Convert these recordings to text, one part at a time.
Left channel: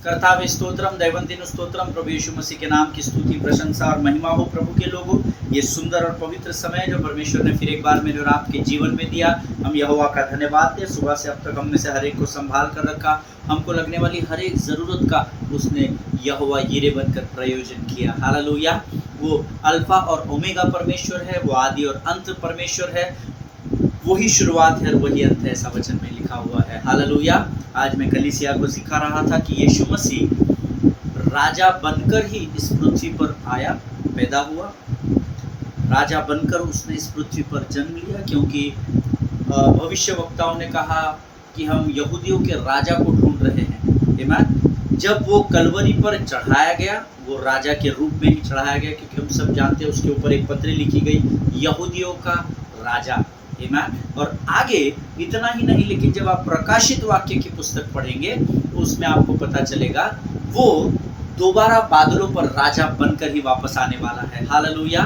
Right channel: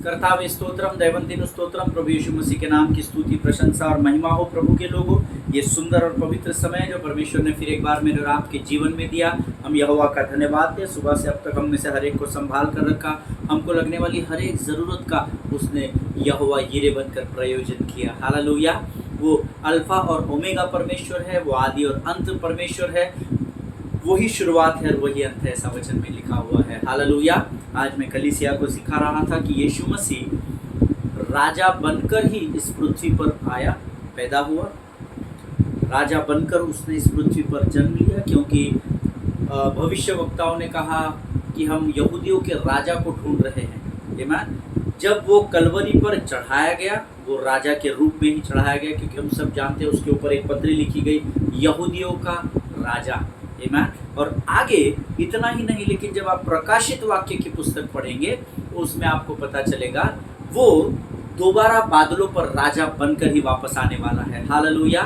कर्तावे स्तोत्रम दैवंतिन स्तोत्रम। प्रभु यीशु मसीह के नाम की स्तुति प्रशंसा और महिमा हो प्रभु के लोगों। ये सुंदर और पवित्र समय जो परमेश्वर ने फिर एक बार मेरे और आपके जीवन में दिया, हम यहोवा का धन्यवाद दें। सुबह से अब तक हम में से हर एक को संभाल कर रखा, हमको लगने वाली हर एक ज़रूरत का उसने यहोवा यीरे बनकर प्रयोजन किया। हालेलुया। वो अल्फा और ओमेगा परमेश्वर है, वो आदि और अंत परमेश्वर है, वही शुरुआत है और वही अंत है, ऐसा वचन में लिखा हुआ है। हालेलुया। आज मैं कलीसिया को सिखा रहा था कि यीशु मसीह राजा बनकर ही इस पृथ्वी पर आया, पैदा हुआ, राजा बनकर उसने इस पृथ्वी पर जन्म लिया, क्योंकि भविष्यवक्ताओं ने कहा कि हम यहूदियों के राजा को ढूंढ रहे हैं। आमीन। जब वो कलवरी पर चढ़ाया गया, वो राजा के रूप में ही चढ़ाया गया, क्योंकि हम सब जानते हैं उसके ऊपर एक पत्री लिखी गई, यहूदियों का राजा। आमीन। और आगे इतना ही नहीं, लेकिन जब आप प्रकाशित वाक्य की पुस्तक पढ़ेंगे तो उसमें आपको पता चलेगा वो दोबारा बादलों पर राजा बनकर ही वापस आने वाला है। हालेलुया।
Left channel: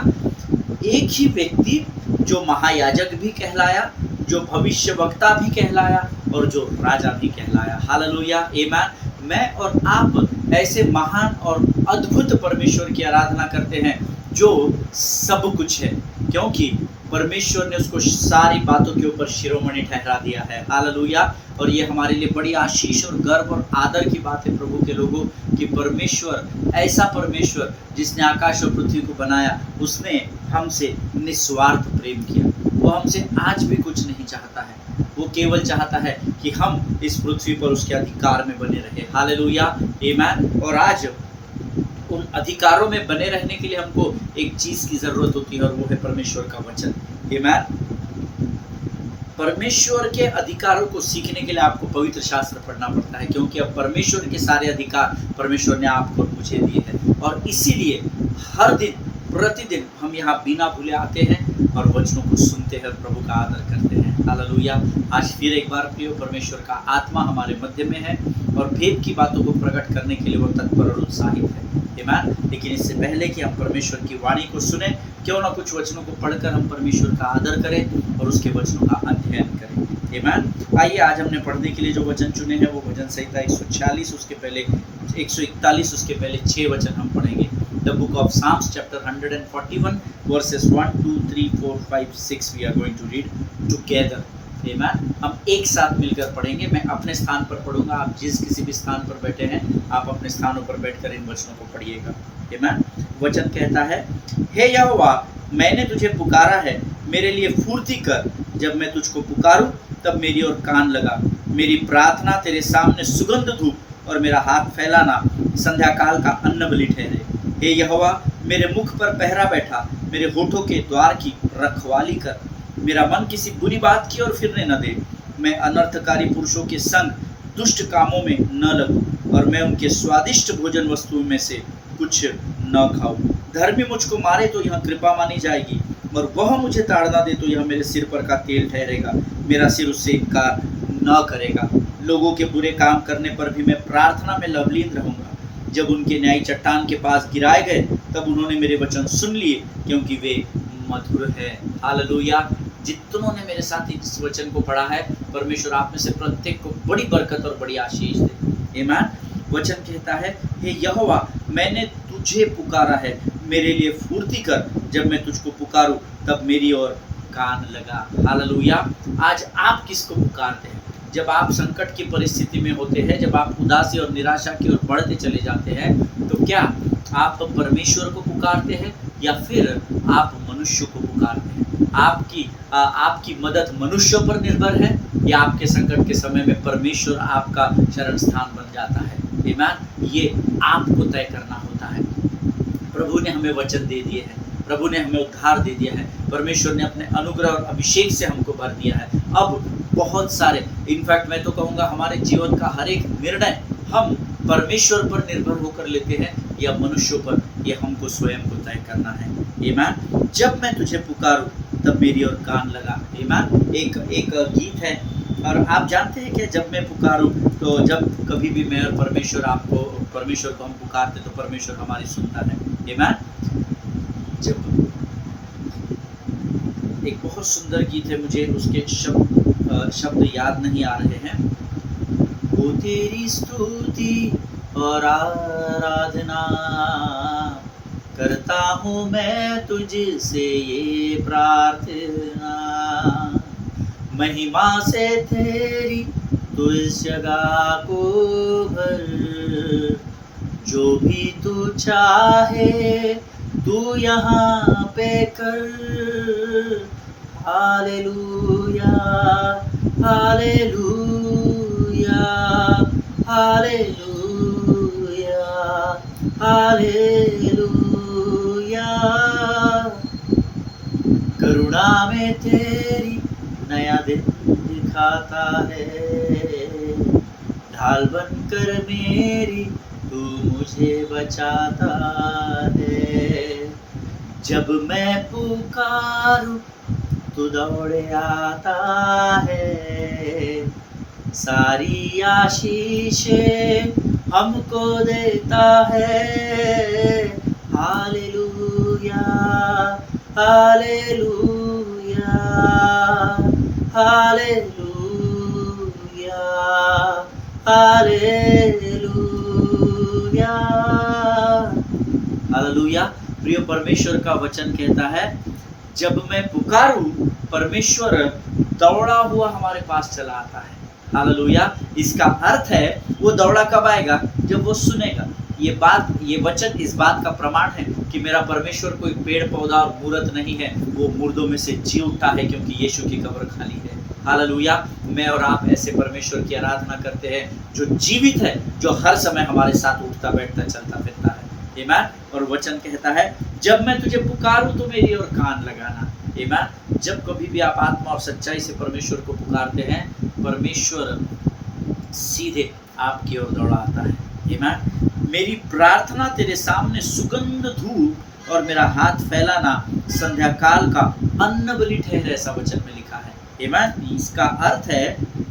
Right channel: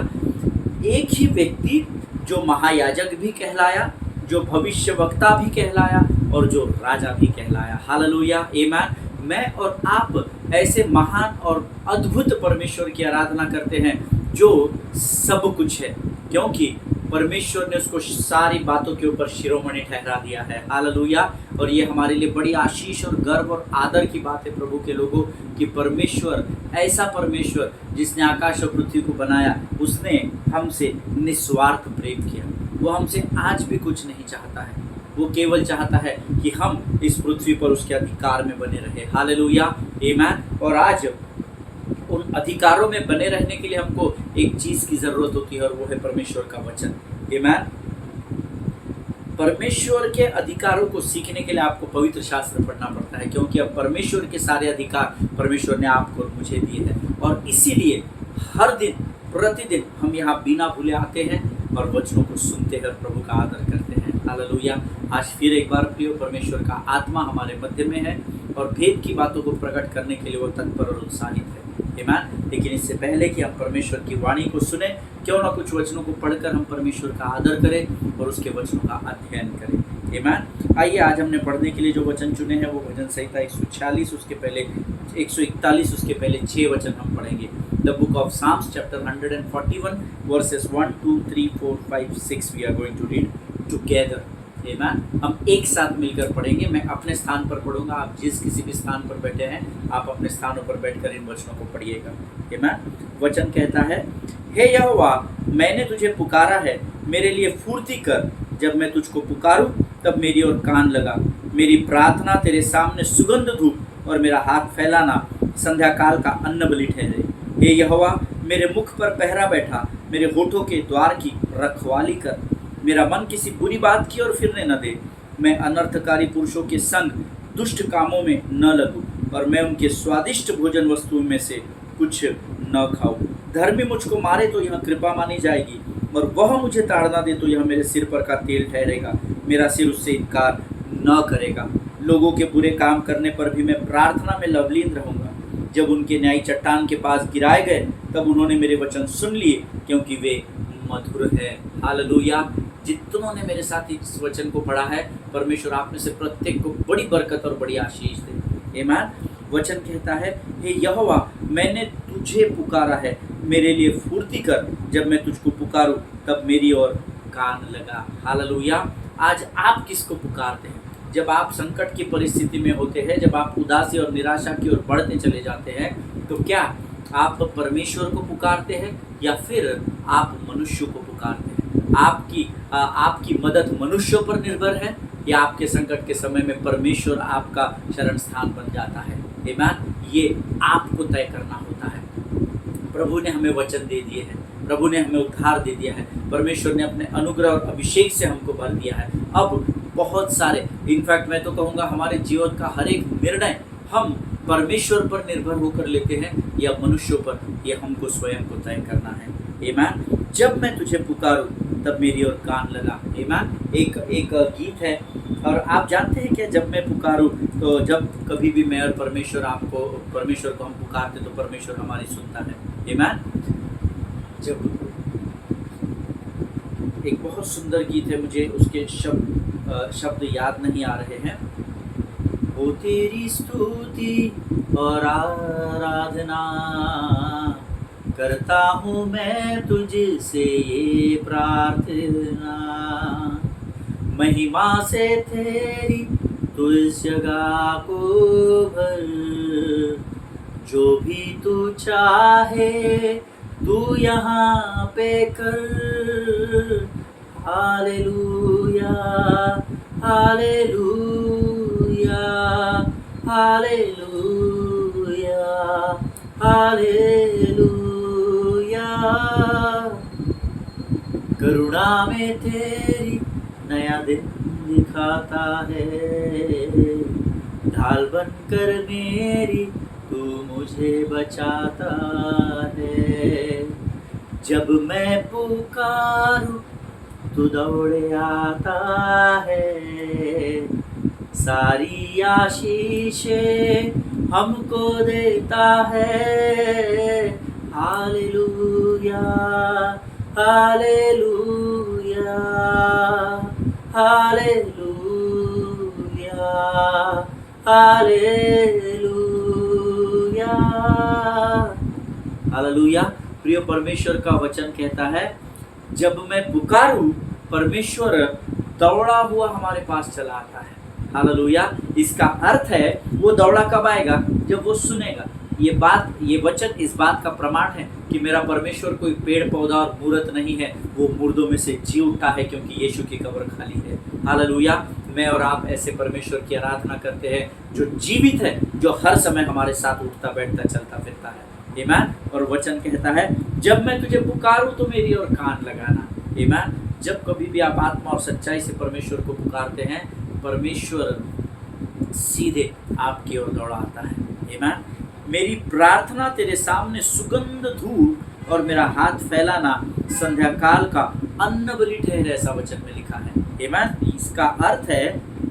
एक ही व्यक्ति जो महायाजक भी कहलाया, जो भविष्यवक्ता भी कहलाया और जो राजा भी कहलाया। हालेलुया। आमीन। मैं और आप ऐसे महान और अद्भुत परमेश्वर की आराधना करते हैं जो सब कुछ है, क्योंकि परमेश्वर ने उसको सारी बातों के ऊपर शिरोमणि ठहरा दिया है। हालेलुया। और ये हमारे लिए बड़ी आशीष और गर्व और आदर की बात है प्रभु के लोगों कि परमेश्वर, ऐसा परमेश्वर जिसने आकाश और पृथ्वी को बनाया, उसने हमसे निस्वार्थ प्रेम किया। वो हमसे आज भी कुछ नहीं चाहता है, वो केवल चाहता है कि हम इस पृथ्वी पर उसके अधिकार में बने रहे। हालेलुया। आमीन। और आज उन अधिकारों में बने रहने के लिए हमको एक चीज़ की ज़रूरत होती है, और वो है परमेश्वर का वचन। आमीन। परमेश्वर के अधिकारों को सीखने के लिए आपको पवित्र शास्त्र पढ़ना पड़ता है, क्योंकि अब परमेश्वर के सारे अधिकार परमेश्वर ने आपको और मुझे दिए हैं। और इसीलिए हर दिन प्रतिदिन हम यहाँ बिना भूले आते हैं और वचनों को सुनते हैं और प्रभु का आदर करते हैं। हालेलुया। आज फिर एक बार प्रिय, परमेश्वर का आत्मा हमारे मध्य में है और भेद की बातों को प्रकट करने के लिए वो तत्पर और उत्साहित है। आमीन। लेकिन इससे पहले कि हम परमेश्वर की वाणी को सुने, क्यों ना कुछ वचनों को पढ़कर हम परमेश्वर का आदर करें और उसके वचनों का अध्ययन करें। आमीन। आइए, आज हमने पढ़ने के लिए जो वचन चुने हैं वो भजन संहिता 146, उसके पहले 141, उसके पहले 6 वचन हम पढ़ेंगे। The book of psalms chapter 141 verses 1, 2, 3, 4, 5, 6 we are going to read together. आमीन। हम एक साथ मिलकर पढ़ेंगे। मैं अपने स्थान पर पढ़ूंगा, आप जिस किसी भी स्थान पर बैठे हैं आप अपने स्थानों पर बैठकर इन वचनों को पढ़िएगा। आमीन। वचन कहता है, हे यहोवा, मैंने तुझे पुकारा है, मेरे लिए फुर्ती कर। जब मैं तुझको पुकारूं तब मेरी ओर कान लगा। मेरी प्रार्थना तेरे सामने सुगंध धूप और मेरा हाथ फैलाना संध्या काल का अन्न बलि ठहरे। हे यहोवा, मेरे मुख पर पहरा बैठा, मेरे होठों के द्वार की रखवाली कर। मेरा मन किसी बुरी बात की ओर फिरने न दे। मैं अनर्थकारी पुरुषों के संग दुष्ट कामों में न लगूं, और मैं उनके स्वादिष्ट भोजन वस्तुओं में से कुछ न खाऊं। धर्मी मुझको मारे तो यह कृपा मानी जाएगी, और वह मुझे ताड़ना दे तो यह मेरे सिर पर का तेल ठहरेगा। मेरा सिर उससे इनकार न करेगा। लोगों के बुरे काम करने पर भी मैं प्रार्थना में लवलीन रहूंगा। जब उनके न्यायी चट्टान के पास गिराए गए तब उन्होंने मेरे वचन सुन लिए, क्योंकि वे मधुर है। हालेलुया। जितनों ने मेरे साथ इस वचन को पढ़ा है, परमेश्वर आप में से प्रत्येक को बड़ी बरकत और बड़ी आशीष दे। आमीन। वचन कहता है, हे यहोवा, मैंने तुझे पुकारा है, मेरे लिए फुर्ती कर। जब मैं तुझको पुकारूं तब मेरी ओर कान लगा। हालेलुया। आज आप किसको पुकारते हैं? जब आप संकट की परिस्थिति में होते हैं, जब आप उदासी और निराशा की ओर बढ़ते चले जाते हैं, तो क्या आप परमेश्वर को पुकारते हैं या फिर आप मनुष्य को पुकारते हैं? आपकी मदद मनुष्यों पर निर्भर है या आपके संकट के समय में परमेश्वर आपका शरण स्थान बन जाता है? आमीन। ये आपको तय करना होता है। प्रभु ने हमें वचन दे दिए हैं, प्रभु ने हमें उद्धार दे दिया है, परमेश्वर ने अपने अनुग्रह और अभिषेक से हमको भर दिया है। अब बहुत सारे, इनफैक्ट मैं तो कहूँगा हमारे जीवन का हर एक निर्णय हम परमेश्वर पर निर्भर होकर लेते हैं या मनुष्यों पर, ये हमको स्वयं को तय करना है। आमीन। जब मैं तुझे पुकारूं तब मेरी ओर कान लगा। आमीन। एक गीत है, और आप जानते हैं कि जब मैं पुकारूं, तो जब कभी भी मैं और परमेश्वर को हम पुकारते तो परमेश्वर हमारी सुनता है। आमीन। जब एक बहुत सुंदर गीत है, मुझे उसके शब्द याद नहीं आ रहे हैं। वो तेरी स्तुति और आराधना करता हूँ मैं तुझसे ये प्रार्थना। महिमा से तेरी तू इस जगह को भर, जो भी तू चाहे तू यहाँ पे कर। Hallelujah hallelujah hallelujah hallelujah. करुणा में तेरी नया दिन दिखाता है, ढाल बनकर मेरी तू मुझे बचाता है। जब मैं पुकारूं तू दौड़े आता है, सारी आशीषें हमको देता है। Hallelujah hallelujah hallelujah hallelujah hallelujah. प्रिय परमेश्वर का वचन कहता है, जब मैं पुकारूं परमेश्वर दौड़ा हुआ हमारे पास चला आता है। हालेलुया। इसका अर्थ है वो दौड़ा कब आएगा? जब वो सुनेगा। ये वचन इस बात का प्रमाण है कि मेरा परमेश्वर कोई पेड़ पौधा और मूर्त नहीं है, वो मुर्दों में से जी उठा है, क्योंकि यीशु की कब्र खाली है। हालेलुया। मैं और आप ऐसे परमेश्वर की आराधना करते हैं जो जीवित है, जो हर समय हमारे साथ उठता बैठता चलता फिरता है। आमीन। और वचन कहता है, जब मैं तुझे पुकारूं तो मेरी ओर कान लगाना। आमीन। जब कभी भी आप आत्मा और सच्चाई से परमेश्वर को पुकारते हैं, परमेश्वर सीधे आपकी ओर दौड़ा आता है। आमीन। मेरी प्रार्थना तेरे सामने सुगंध धूप और मेरा हाथ फैलाना संध्या काल का अन्न बलि ठहरे, ऐसा वचन में लिखा है। आमीन। इसका अर्थ है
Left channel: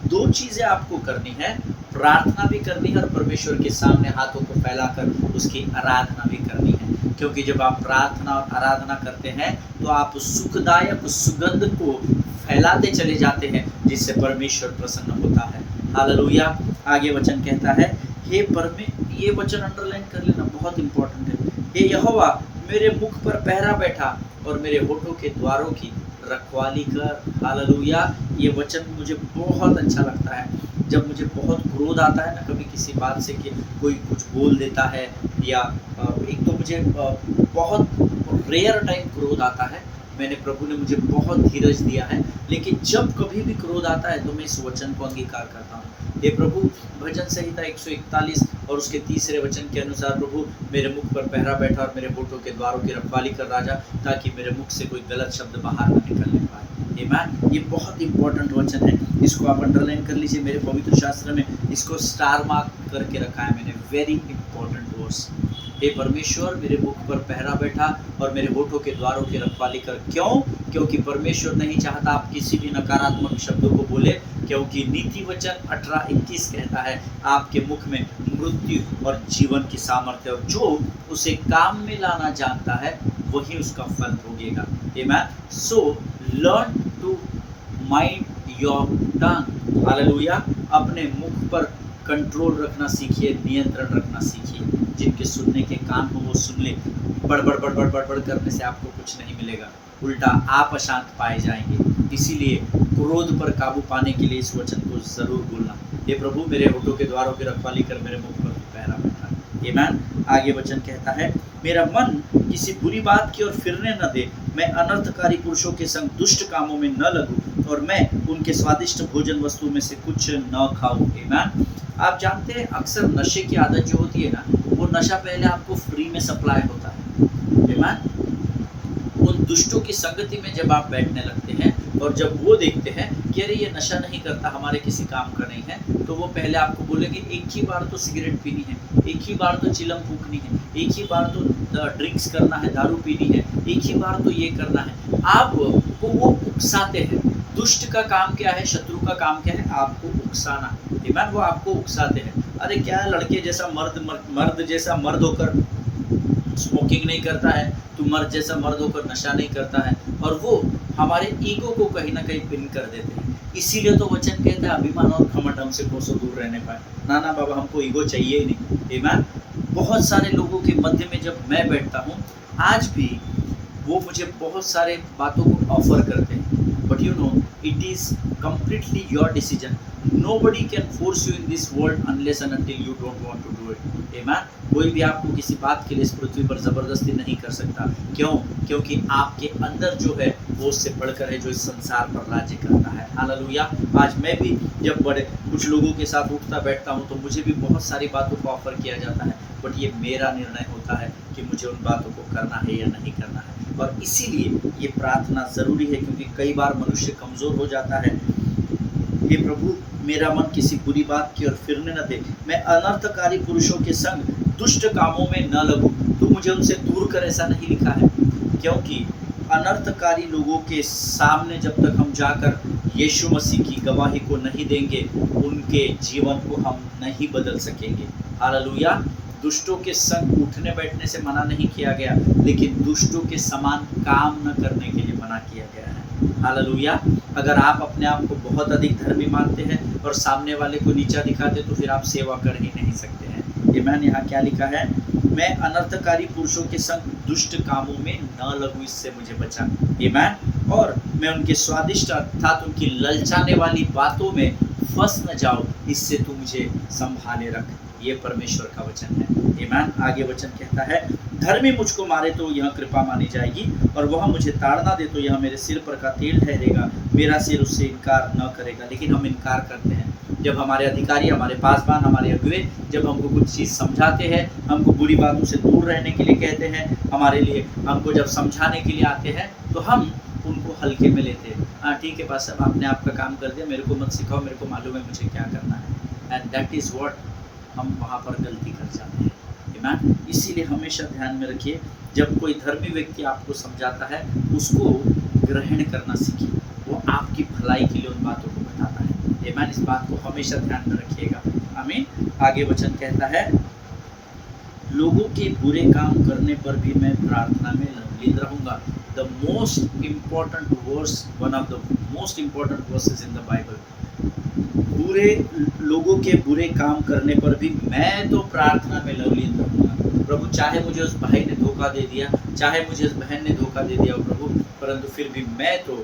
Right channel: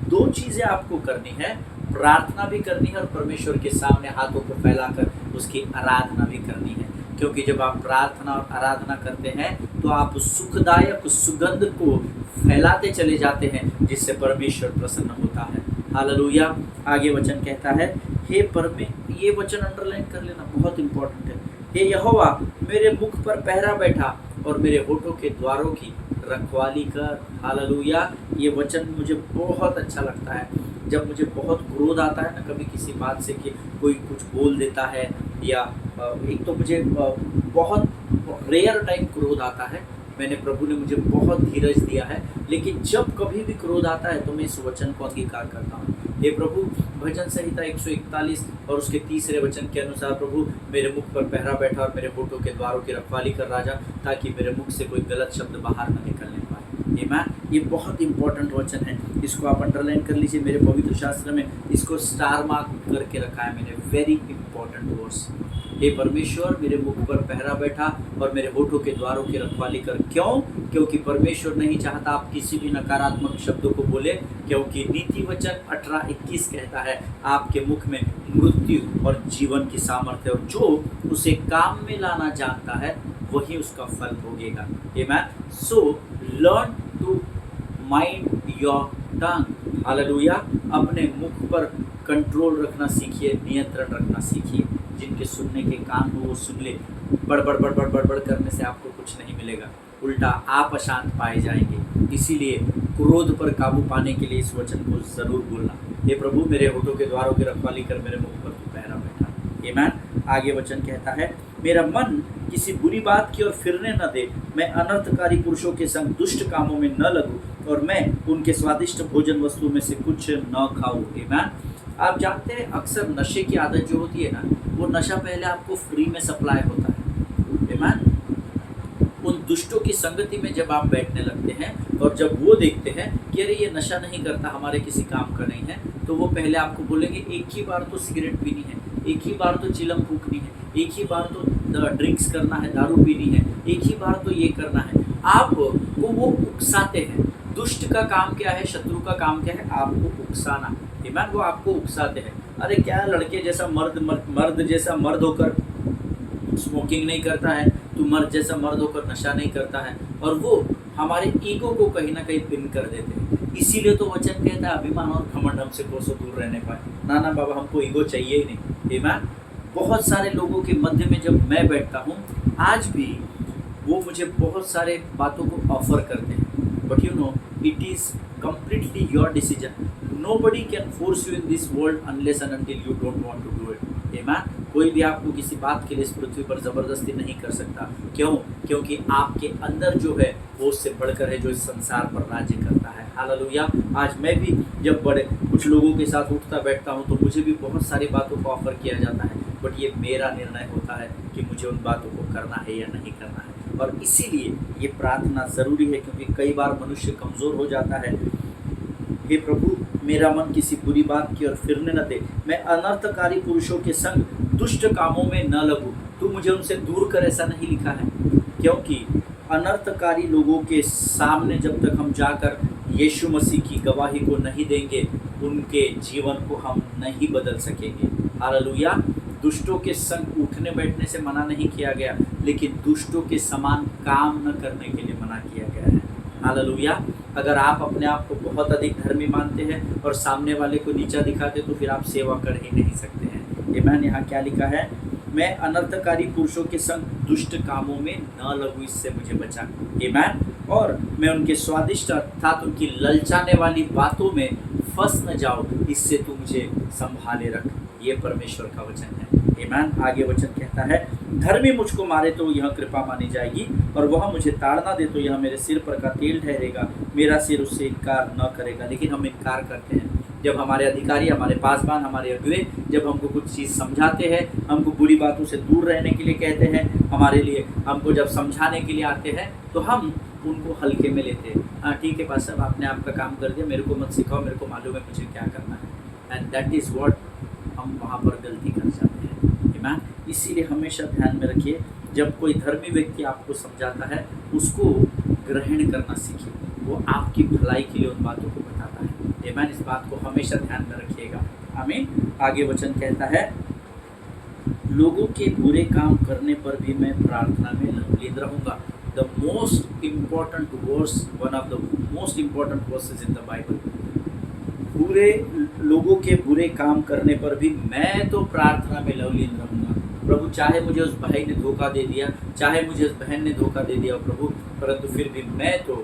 दो चीजें आपको करनी है, प्रार्थना भी करनी है और परमेश्वर के सामने हाथों को फैलाकर उसकी आराधना भी करनी है। क्योंकि जब आप प्रार्थना और आराधना करते हैं तो आप सुखदायक सुगंध को फैलाते चले जाते हैं, जिससे परमेश्वर प्रसन्न होता है। हालेलुया। आगे वचन कहता है, ये वचन अंडरलाइन कर लेना, बहुत इंपॉर्टेंट है। हे यहोवा, मेरे मुख पर पहरा बैठा और मेरे होठों के द्वारों की रखवाली कर। हालेलुया। ये वचन मुझे बहुत अच्छा लगता है। जब मुझे बहुत क्रोध आता है ना कभी किसी बात से, कि कोई कुछ बोल देता है, या एक तो मुझे बहुत रेयर टाइम क्रोध आता है, मैंने प्रभु ने मुझे बहुत धीरज दिया है, लेकिन जब कभी भी क्रोध आता है तो मैं इस वचन को अंगीकार करता हूँ। हे प्रभु, भजन संहिता 141 और उसके 3 वचन के अनुसार, प्रभु मेरे मुख पर पहरा बैठा और मेरे होठों के द्वारों की रखवाली कर राजा, ताकि मेरे मुख से कोई गलत शब्द बाहर न निकलने पाए। आमीन। ये बहुत इंपॉर्टेंट वचन है, इसको आप अंडरलाइन कर लीजिए। मेरे पवित्र शास्त्र में इसको स्टार मार्क करके रखा है मैंने, वेरी इंपॉर्टेंट वर्स। हे परमेश्वर, मेरे मुख पर पहरा बैठा और मेरे होठों के द्वारों की रखवाली कर। क्यों? क्योंकि परमेश्वर नहीं चाहता आप किसी भी नकारात्मक शब्दों को बोले, क्योंकि नीति वचन 18:21 कहता है, आपके मुख में मृत्यु और जीवन की सामर्थ्य है, और जो उसे काम में लाना जानता है वही उसका फल भोगेगा। आमीन। So learn to mind your tongue. Hallelujah. अपने मुख पर कंट्रोल रखना सीखिए, नियंत्रण रखना सीखिए। जिनके सुनने के कान हो वो सुन ले। बड़बड़ बड़बड़ बड़बड़ करने से आपको कुछ नहीं मिलेगा, उल्टा आप अशांत पाए जाएंगे। इसीलिए क्रोध पर काबू पाने के लिए इस वचन को जरूर बोलना। हे प्रभु, मेरे होठों के द्वारों की रखवाली कर, मेरे मुख पर तू पहरा बैठा। आमीन। आगे वचन कहता है, मेरा मन किसी बुरी बात की ओर फिरने न दे, मैं अनर्थकारी पुरुषों के संग दुष्ट कामों में न लगूं, और मैं उनके स्वादिष्ट भोजन वस्तु में से कुछ न खाऊं। आमीन। आप जानते हैं अक्सर नशे की आदत जो होती है ना, वो नशा पहले आपको फ्री में सप्लाई होता है। आमीन। उन दुष्टों की संगति में जब आप बैठने लगते हैं और जब वो देखते हैं कि अरे ये नशा नहीं करता, हमारे किसी काम का नहीं है, तो वो पहले आपको बोलेंगे एक ही बार तो सिगरेट पीनी है, एक ही बार तो चिलम फूकनी है, एक ही बार तो ड्रिंक्स करना है, दारू पीनी है, एक ही बार तो ये करना है। आपको वो उकसाते हैं। दुष्ट का काम क्या है, शत्रु का काम क्या है? आपको उकसाना। आमीन। वो आपको उकसाते हैं। अरे क्या लड़के जैसा मर्द जैसा मर्द होकर स्मोकिंग नहीं करता है, तू मर्द जैसा मर्द होकर नशा नहीं करता है, और वो हमारे ईगो को कहीं ना कहीं पिन कर देते हैं। इसीलिए तो वचन कहता है, अभिमान और घमंड हमसे कोसों दूर रहने पाए। ना ना बाबा, हमको ईगो चाहिए ही नहीं। आमीन। बहुत सारे लोगों के मध्य में जब मैं बैठता हूँ, आज भी वो मुझे बहुत सारे बातों को ऑफर करते हैं, but you know it is completely your decision. Nobody can force you in this world unless and until you don't want to do it. Amen. कोई भी आपको किसी बात के लिए इस पृथ्वी पर ज़बरदस्ती नहीं कर सकता। क्यों? क्योंकि आपके अंदर जो है वो उससे बढ़कर है जो इस संसार पर राज्य करता है। हालेलुया। आज मैं भी जब बड़े कुछ लोगों के साथ उठता बैठता हूँ तो मुझे भी बहुत सारी बातों को ऑफर किया जाता है, बट ये मेरा निर्णय होता है कि मुझे उन बातों को करना है या नहीं करना है। और इसीलिए ये प्रार्थना ज़रूरी है, क्योंकि कई बार मनुष्य कमज़ोर हो जाता है। हे प्रभु, मेरा मन किसी बुरी बात की ओर फिरने न दे, मैं अनर्थकारी पुरुषों के संग दुष्ट कामों में न लगूं, तू मुझे उनसे दूर कर, ऐसा नहीं लिखा है। क्योंकि अनर्थकारी लोगों के सामने जब तक हम जाकर यीशु मसीह की गवाही को नहीं देंगे, उनके जीवन को हम नहीं बदल सकेंगे। हालेलुया। दुष्टों के संग उठने बैठने से मना नहीं किया गया, लेकिन दुष्टों के समान काम न करने के लिए मना किया गया है। हालेलुया। अगर आप अपने आप को बहुत अधिक धर्मी मानते हैं और सामने वाले को नीचा दिखाते, तो फिर आप सेवा कर ही नहीं सकते हैं। आमीन। यहाँ क्या लिखा है? मैं अनर्थकारी पुरुषों के संग दुष्ट कामों में न लगूं, इससे मुझे बचा। आमीन। और मैं उनके स्वादिष्ट अर्थात उनकी ललचाने वाली बातों में फंस न जाओ, इससे तू मुझे संभाले रख। ये परमेश्वर का वचन है। आमीन। आगे वचन कहता है, धर्मी मुझको मारे तो यह कृपा मानी जाएगी, और वह मुझे ताड़ना दे तो यह मेरे सिर पर का तेल ठहरेगा। मेरा सिर उससे इनकार न करेगा। लेकिन हम इनकार करते हैं। जब हमारे अधिकारी, हमारे पासबान, हमारे अगुवे जब हमको कुछ चीज़ समझाते हैं, हमको बुरी बातों से दूर रहने के लिए कहते हैं, हमारे लिए हमको जब समझाने के लिए आते हैं, तो हम उनको हल्के में लेते हैं। हाँ ठीक है पास साहब, आपने आपका काम कर दिया, मेरे को मत सिखाओ, मेरे को मालूम है मुझे क्या करना है। एंड दैट इज़ व्हाट हम वहाँ पर गलती कर जाते हैं। आमीन। इसीलिए हमेशा ध्यान में रखिए, जब कोई धर्मी व्यक्ति आपको समझाता है, उसको ग्रहण करना सीखिए। वो आपकी भलाई के लिए उन बातों को बताता है। आमीन। इस बात को हमेशा ध्यान में रखिएगा। आमीन। आगे वचन कहता है, लोगों के बुरे काम करने पर भी मैं प्रार्थना में लीन रहूँगा। The most important verse, one of the most important verses in the Bible. बुरे लोगों के बुरे काम करने पर भी मैं तो प्रार्थना में लवलीन रहूँगा। प्रभु, चाहे मुझे उस भाई ने धोखा दे दिया, चाहे मुझे उस बहन ने धोखा दे दिया प्रभु, परंतु फिर भी मैं तो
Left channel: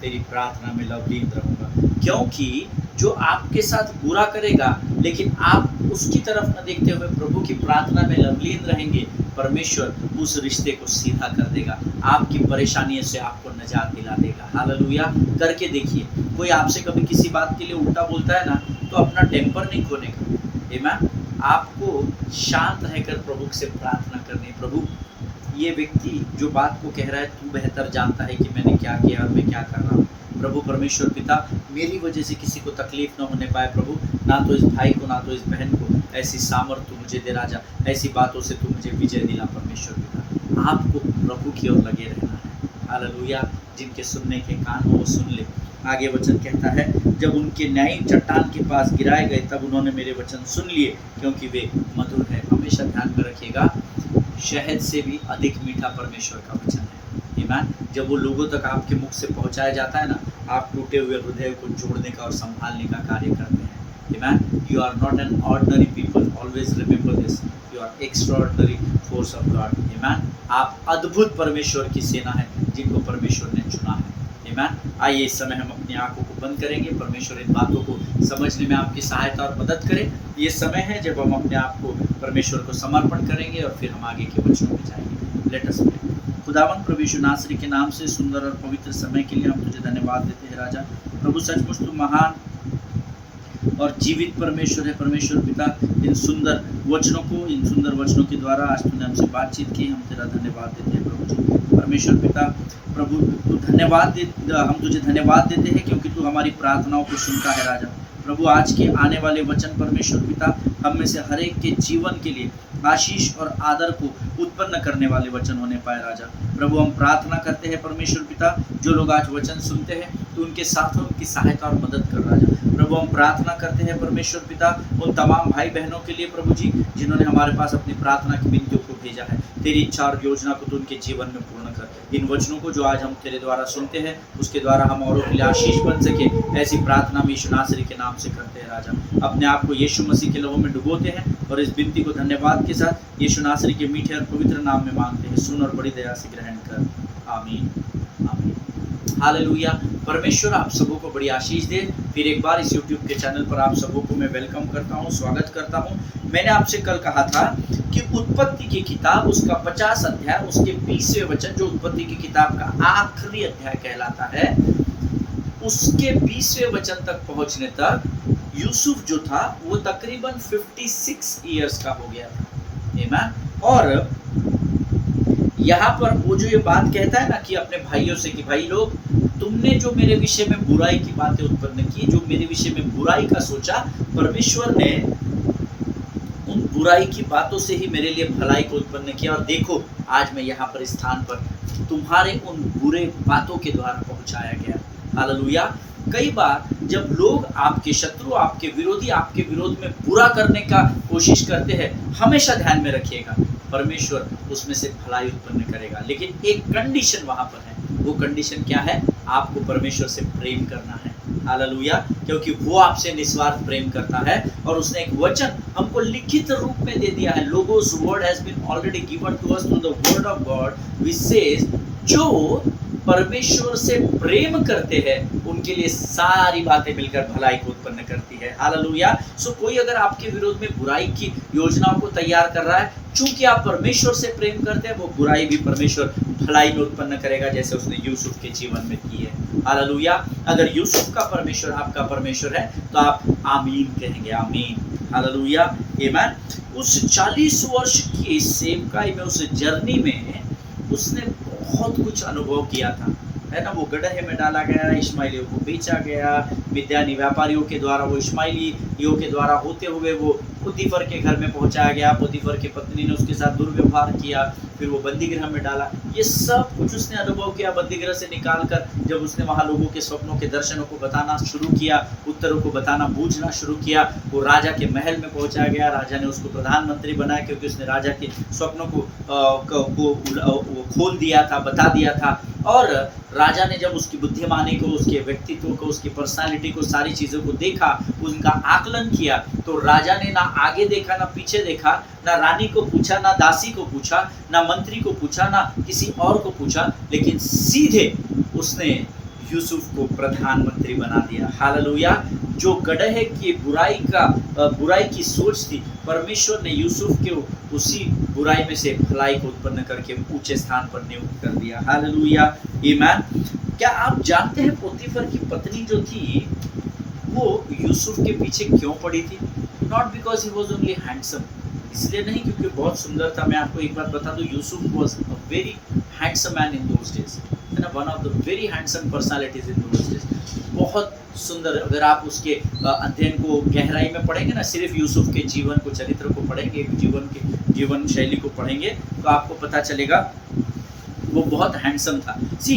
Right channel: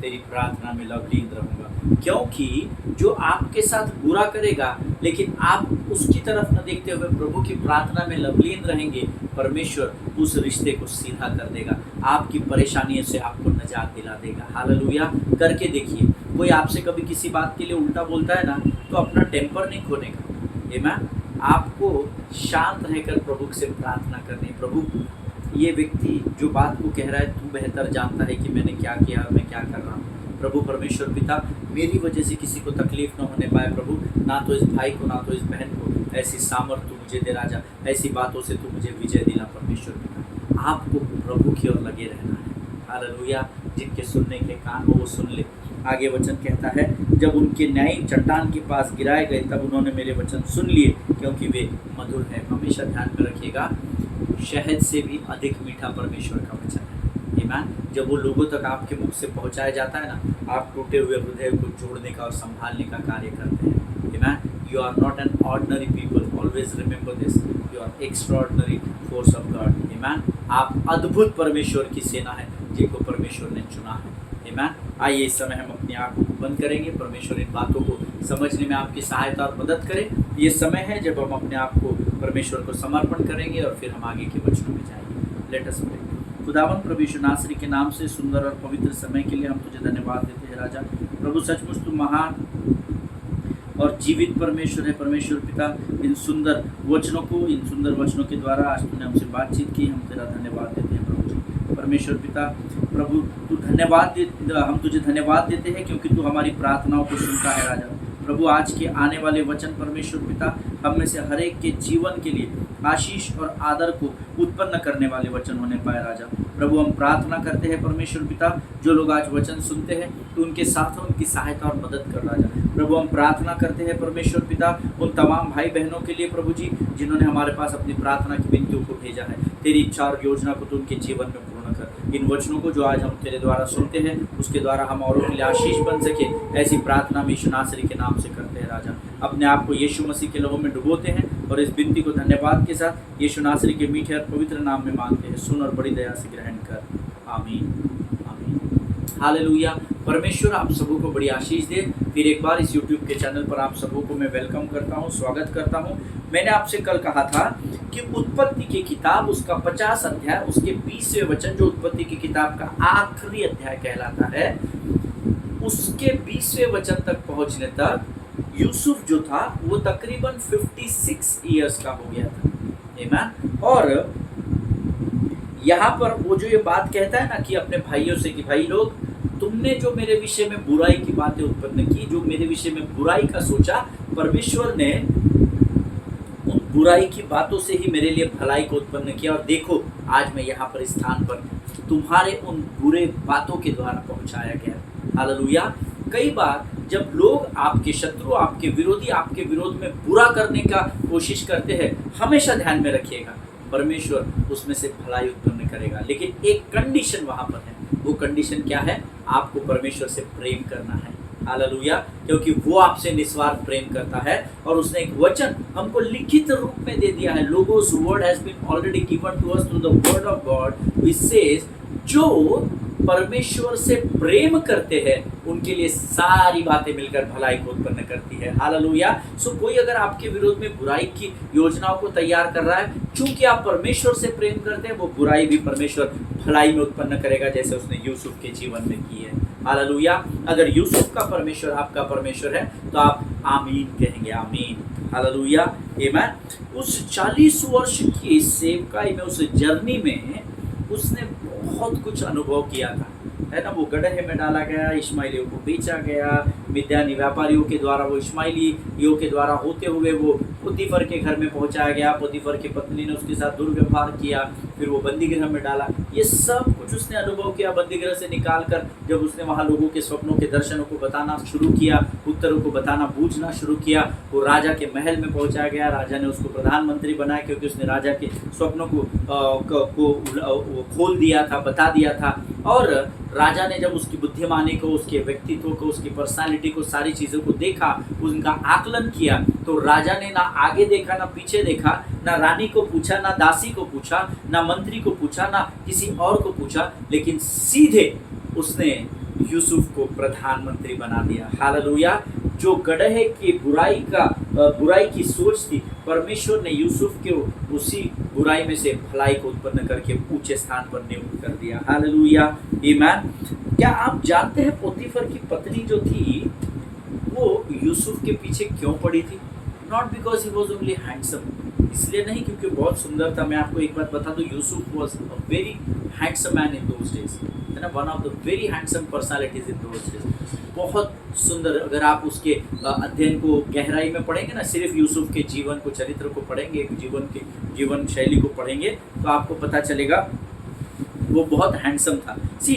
तेरी प्रार्थना में लवलीन रहूँगा। क्योंकि जो आपके साथ बुरा करेगा, लेकिन आप उसकी तरफ न देखते हुए प्रभु की प्रार्थना में लवलीन रहेंगे, परमेश्वर उस रिश्ते को सीधा कर देगा, आपकी परेशानियों से आपको नजात दिला देगा। हालेलुया। करके देखिए, कोई आपसे कभी किसी बात के लिए उल्टा बोलता है ना, तो अपना टेम्पर नहीं खोने का। आमीन। आपको शांत रहकर प्रभु से प्रार्थना करनी है। प्रभु, ये व्यक्ति जो बात को कह रहा है, तू बेहतर जानता है कि मैंने क्या किया और मैं क्या कर रहा हूँ। प्रभु परमेश्वर पिता, मेरी वजह से किसी को तकलीफ न होने पाए प्रभु, ना तो इस भाई को, ना तो इस बहन को, ऐसी सामर्थ्य तू मुझे दे राजा, ऐसी बातों से तू मुझे विजय दिला परमेश्वर पिता। आपको प्रभु की ओर लगे रहना है। हालेलुया। जिनके सुनने के कान हो वो सुन ले। आगे वचन कहता है, जब उनके न्यायी चट्टान के पास गिराए गए, तब उन्होंने मेरे वचन सुन लिए, क्योंकि वे मधुर हैं। हमेशा ध्यान में रखिएगा, शहद से भी अधिक मीठा परमेश्वर का वचन है। आमीन। जब वो लोगों तक आपके मुख से पहुंचाया जाता है ना, आप टूटे हुए हृदय को जोड़ने का और संभालने का कार्य करते हैं। आमीन। You are not an ordinary people, always remember this, you are extraordinary force of God. आमीन। आप अद्भुत परमेश्वर की सेना है, जिनको परमेश्वर ने चुना है। आमीन। आइए इस समय हम अपनी आंखों को बंद करेंगे। परमेश्वर इन बातों को समझने में आपकी सहायता और मदद करे। ये समय है जब हम अपने आप को परमेश्वर को समर्पण करेंगे और फिर हम आगे के वचनों में जाएंगे। Let us pray. खुदावंद प्रभु यीशु नासरी के नाम से सुंदर और पवित्र समय के लिए हम तुझे धन्यवाद देते हैं राजा। प्रभु, सचमुच तू महान और जीवित परमेश्वर है। परमेश्वर पिता, इन सुंदर वचनों के द्वारा आज तूने हमसे बातचीत की, हम तेरा धन्यवाद देते हैं प्रभु जी। परमेश्वर पिता, प्रभु तू हम तुझे धन्यवाद देते हैं, क्योंकि तू हमारी प्रार्थनाओं को सुनता है राजा। प्रभु, आज के आने वाले वचन परमेश्वर पिता हम में से हर एक के जीवन के लिए आशीष और आदर को उत्पन्न करने वाले वचन होने पाए राजा। प्रभु, हम प्रार्थना करते हैं परमेश्वर पिता, जो लोग आज वचन सुनते हैं तो उनके साथ उनकी सहायता और मदद कर राजा। प्रभु, हम प्रार्थना करते हैं परमेश्वर पिता उन तमाम भाई बहनों के लिए प्रभु जी, जिन्होंने हमारे पास अपनी प्रार्थना की विनतियों को भेजा है। तेरी इच्छा और योजना को तो उनके जीवन में पूर्ण कर। इन वचनों को जो आज हम तेरे द्वारा सुनते हैं, उसके द्वारा हम औरों के लिए आशीष बन सके, ऐसी प्रार्थना हम यीशु नासरी के नाम से करते हैं राजा। अपने आप को यीशु मसीह के लहू में डुबोते हैं और इस विनती को धन्यवाद के साथ यीशु नासरी के मीठे और पवित्र नाम में मांगते हैं, सुन और बड़ी दया से ग्रहण कर, आमीन आमीन। हालेलुया। परमेश्वर आप सबों को बड़ी आशीष दे। फिर एक बार इस YouTube के चैनल पर आप सबों को मैं वेलकम करता हूँ, स्वागत करता हूँ। मैंने आपसे कल कहा था कि उत्पत्ति की किताब उसका 50 अध्याय उसके 20वें वचन, जो उत्पत्ति की किताब का आखिरी अध्याय कहलाता है, उसके 20वें वचन तक पहुंचने तक यूसुफ जो था वो तकरीबन 56 इयर्स का हो गया था। आमीन। और यहाँ पर वो जो ये बात कहता है ना कि अपने भाइयों से कि भाई लोग, तुमने जो मेरे विषय में बुराई की बातें उत्पन्न की, जो मेरे विषय में बुराई का सोचा, परमेश्वर ने उन बुराई की बातों से ही मेरे लिए भलाई को उत्पन्न किया। और देखो आज मैं यहाँ पर इस स्थान पर तुम्हारे उन बुरे बातों के द्वारा पहुँचाया गया। हालेलुया। कई बार जब लोग आपके शत्रु, आपके विरोधी आपके विरोध में बुरा करने का कोशिश करते हैं, हमेशा ध्यान में रखिएगा परमेश्वर उसमें से भलाई उत्पन्न करेगा। लेकिन एक कंडीशन वहाँ पर है। वो कंडीशन क्या है? आपको परमेश्वर से प्रेम करना है। हालेलुया। क्योंकि वो आपसे निस्वार्थ प्रेम करता है। और उसने एक वचन हमको लिखित रूप में दे दिया है। Logos word has been already given to us through the word of God which says, जो परमेश्वर से प्रेम करते हैं उनके लिए सारी बातें मिलकर भलाई को उत्पन्न करती है। हालेलुया। सो कोई अगर आपके विरोध में बुराई की योजनाओं को तैयार कर रहा है, चूंकि आप परमेश्वर से प्रेम करते हैं, वो बुराई भी परमेश्वर भलाई में उत्पन्न करेगा, जैसे उसने यूसुफ के जीवन में की है। हालेलुया। अगर यूसुफ का परमेश्वर आपका परमेश्वर है तो आप आमीन कहेंगे, आमीन। हालेलुया। आमीन। उस 40 वर्ष की सेवकाई में, उस जर्नी में उसने बहुत कुछ अनुभव किया था, है ना। वो गड्ढे में डाला गया, इश्माइलियों को बेचा गया, मिद्यानी व्यापारियों के द्वारा, वो इश्माइलियों के द्वारा होते हुए वो पोतीफर के घर में पहुंचाया गया। पोतीफर की पत्नी ने उसके साथ दुर्व्यवहार किया, फिर वो बंदीगृह में डाला। ये सब कुछ उसने अनुभव किया। बंदीगृह से निकाल कर जब उसने वहाँ लोगों के स्वप्नों के दर्शनों को बताना शुरू किया, उत्तरों को बताना बूझना शुरू किया, वो राजा के महल में पहुँचाया गया। राजा ने उसको प्रधानमंत्री बनाया, क्योंकि उसने राजा के स्वप्नों को खोल दिया था, बता दिया था। और राजा ने जब उसकी बुद्धिमानी को, उसके व्यक्तित्व को, उसकी पर्सनालिटी को, सारी चीज़ों को देखा, उनका आकलन किया, तो राजा ने ना आगे देखा, ना पीछे देखा, ना रानी को पूछा, ना दासी को पूछा, ना मंत्री को पूछा, ना किसी और को पूछा, लेकिन सीधे उसने यूसुफ को प्रधानमंत्री बना दिया। हालेलुया। जो गड्ढे की बुराई की सोच थी, परमेश्वर ने यूसुफ के उसी बुराई में से भलाई को उत्पन्न करके ऊंचे स्थान पर नियुक्त कर दिया। हालेलुया। आमीन। क्या आप जानते हैं पोतीफर की पत्नी जो थी वो यूसुफ के पीछे क्यों पड़ी थी? Not because he was only handsome, इसलिए नहीं क्योंकि बहुत सुंदर था। मैं आपको एक बात बता दूं, Yusuf was a very handsome man in those days, है ना। One of the very handsome personalities in those days. बहुत सुंदर। अगर आप उसके अध्ययन को गहराई में पढ़ेंगे ना, सिर्फ यूसुफ के जीवन को, चरित्र को पढ़ेंगे, जीवन शैली को पढ़ेंगे, तो आपको पता चलेगा वो बहुत हैंडसम था। सी,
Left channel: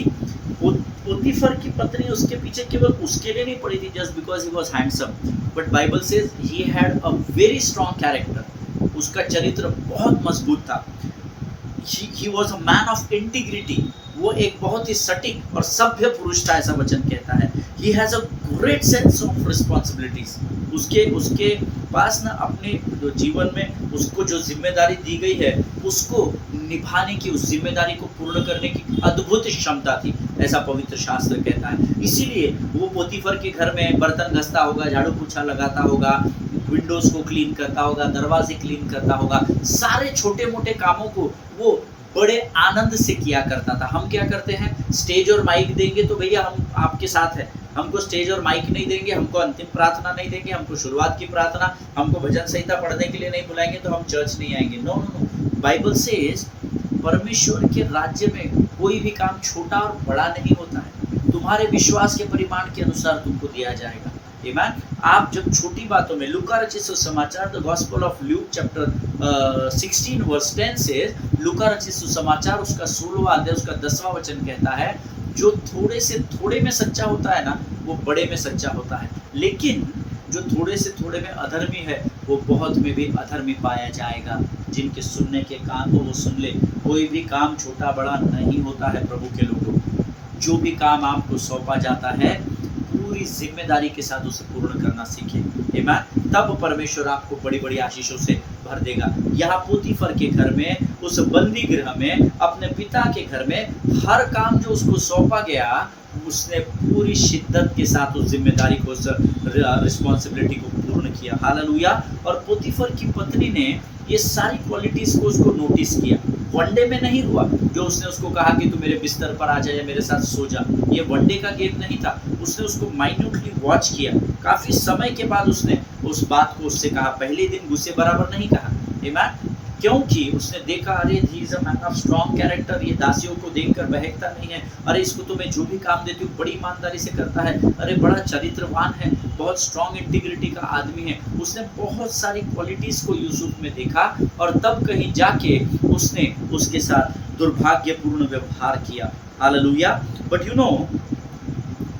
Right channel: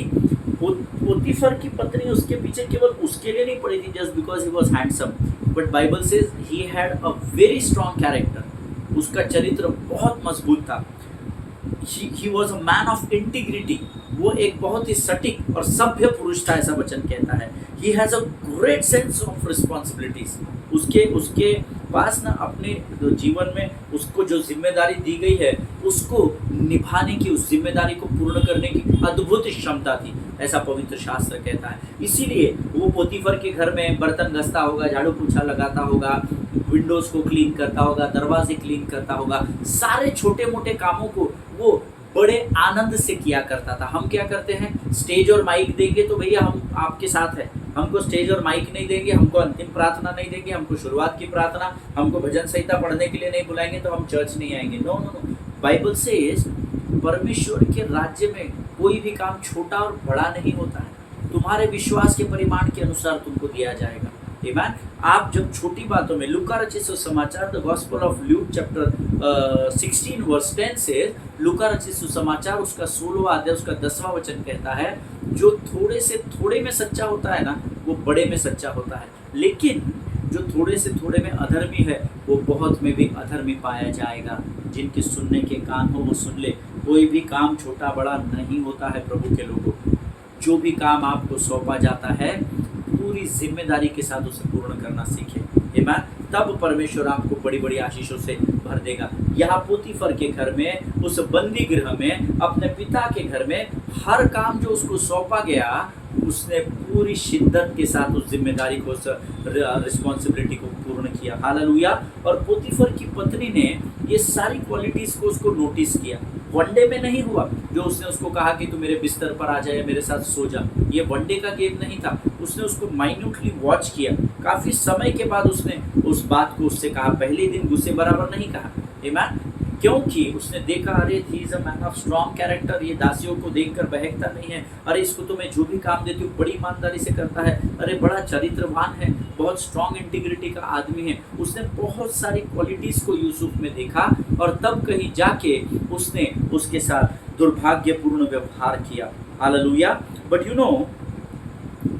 पोतीफर की पत्नी उसके पीछे केवल उसके लिए नहीं पड़ी थी just because he was handsome, but Bible says he had a very strong character. उसका चरित्र बहुत मजबूत था। He was a man of integrity. वो एक बहुत ही सटीक और सभ्य पुरुष था, ऐसा वचन कहता है। He has a great sense of responsibilities. उसके पास ना अपने जीवन में उसको जो जिम्मेदारी दी गई है उसको निभाने की, उस जिम्मेदारी को पूर्ण करने की अद्भुत क्षमता थी, ऐसा पवित्र शास्त्र कहता है। इसीलिए वो पोतीफर के घर में बर्तन घसता होगा, झाड़ू पोछा लगाता होगा, विंडोज़ को क्लीन करता होगा, दरवाजे क्लीन करता होगा, सारे छोटे मोटे कामों को वो बड़े आनंद से किया करता था। हम क्या करते हैं, स्टेज और माइक देंगे तो भैया हम आपके साथ हैं, हमको स्टेज और माइक नहीं देंगे, हमको अंतिम प्रार्थना नहीं देंगे, हमको शुरुआत की प्रार्थना, हमको भजन संहिता पढ़ने के लिए नहीं बुलाएंगे तो हम चर्च नहीं आएंगे। No no no. Bible says परमेश्वर के राज्य में कोई भी काम छोटा और बड़ा नहीं होता है, तुम्हारे विश्वास के परिमाण के अनुसार तुमको दिया जाएगा। आमीन। आप जब छोटी बातों में, लूका रचित सुसमाचार, the gospel of Luke chapter 16 verse 10 से, लूका रचित सुसमाचार उसका 16वां अध्याय उसका 10वां वचन कहता है, जो थोड़े से थोड़े में सच्चा होता है ना, वो बड़े में सच्चा होता है, लेकिन जो थोड़े से थोड़े में अधर्मी है वो बहुत में भी अधर्मी पाया जाएगा। जिनके सुनने के कान हो वो सुन ले। कोई भी काम छोटा बड़ा नहीं होता है प्रभु के लोगों। जो भी काम आपको सौंपा जाता है पूरी जिम्मेदारी के साथ उसे पूर्ण करना सीखें। आमीन। तब परमेश्वर आपको बड़ी बड़ी आशीषों से भर देगा। यहाँ पोतीफर के घर में, उस बंदी गृह में, अपने पिता के घर में हर काम जो उसको सौंपा गया, उसने पूरी शिद्दत के साथ उस जिम्मेदारी को, उस रिस्पॉन्सिबिलिटी को पूर्ण किया। हालेलुया। और पोतीफर की पत्नी ने ये सारी क्वालिटीज को उसको नोटिस किया। वनडे में नहीं हुआ जो उसने उसको कहा कि तू मेरे बिस्तर पर आ जा या मेरे साथ सो जा। ये वनडे का गेम नहीं था। उसने उसको माइन्यूटली वॉच किया। काफ़ी समय के बाद उसने उस बात को उससे कहा। पहले दिन गुस्से बराबर नहीं कहा। आमीन। क्योंकि उसने देखा, अरे he is a man of strong character, ये दासियों को देखकर बहकता नहीं है। अरे इसको तो मैं जो भी काम देती हूँ बड़ी ईमानदारी से करता है। अरे बड़ा चरित्रवान है, बहुत स्ट्रॉन्ग इंटीग्रिटी का आदमी है। उसने बहुत सारी क्वालिटीज़ को यूसुफ में देखा और तब कहीं जाके उसने उसके साथ दुर्भाग्यपूर्ण व्यवहार किया। Hallelujah. But you know,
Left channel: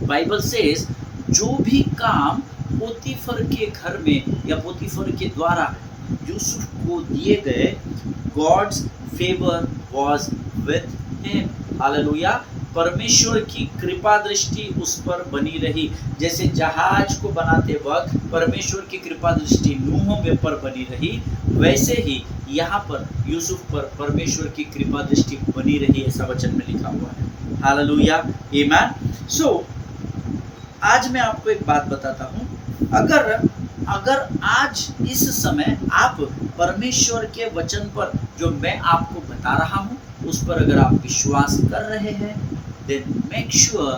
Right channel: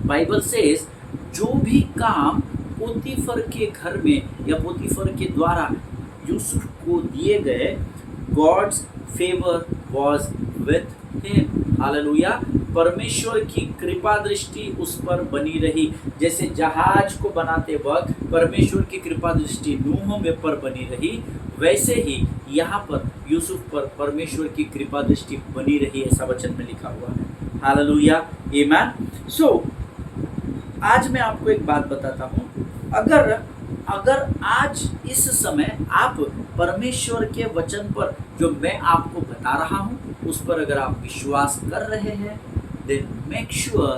Bible says जो भी काम पोतीफर के घर में या पोतीफर के द्वारा यूसुफ को दिए गए, God's favour was with him. Hallelujah. परमेश्वर की कृपा दृष्टि उस पर बनी रही। जैसे जहाज को बनाते वक्त परमेश्वर की कृपा दृष्टि नूह में पर बनी रही, वैसे ही यहाँ पर यूसुफ पर परमेश्वर की कृपा दृष्टि बनी रही, ऐसा वचन में लिखा हुआ है। हालेलुया। आमीन। सो आज मैं आपको एक बात बताता हूँ। अगर आज इस समय आप परमेश्वर के वचन पर जो मैं आपको बता रहा हूँ उस पर अगर आप विश्वास कर रहे हैं, then make sure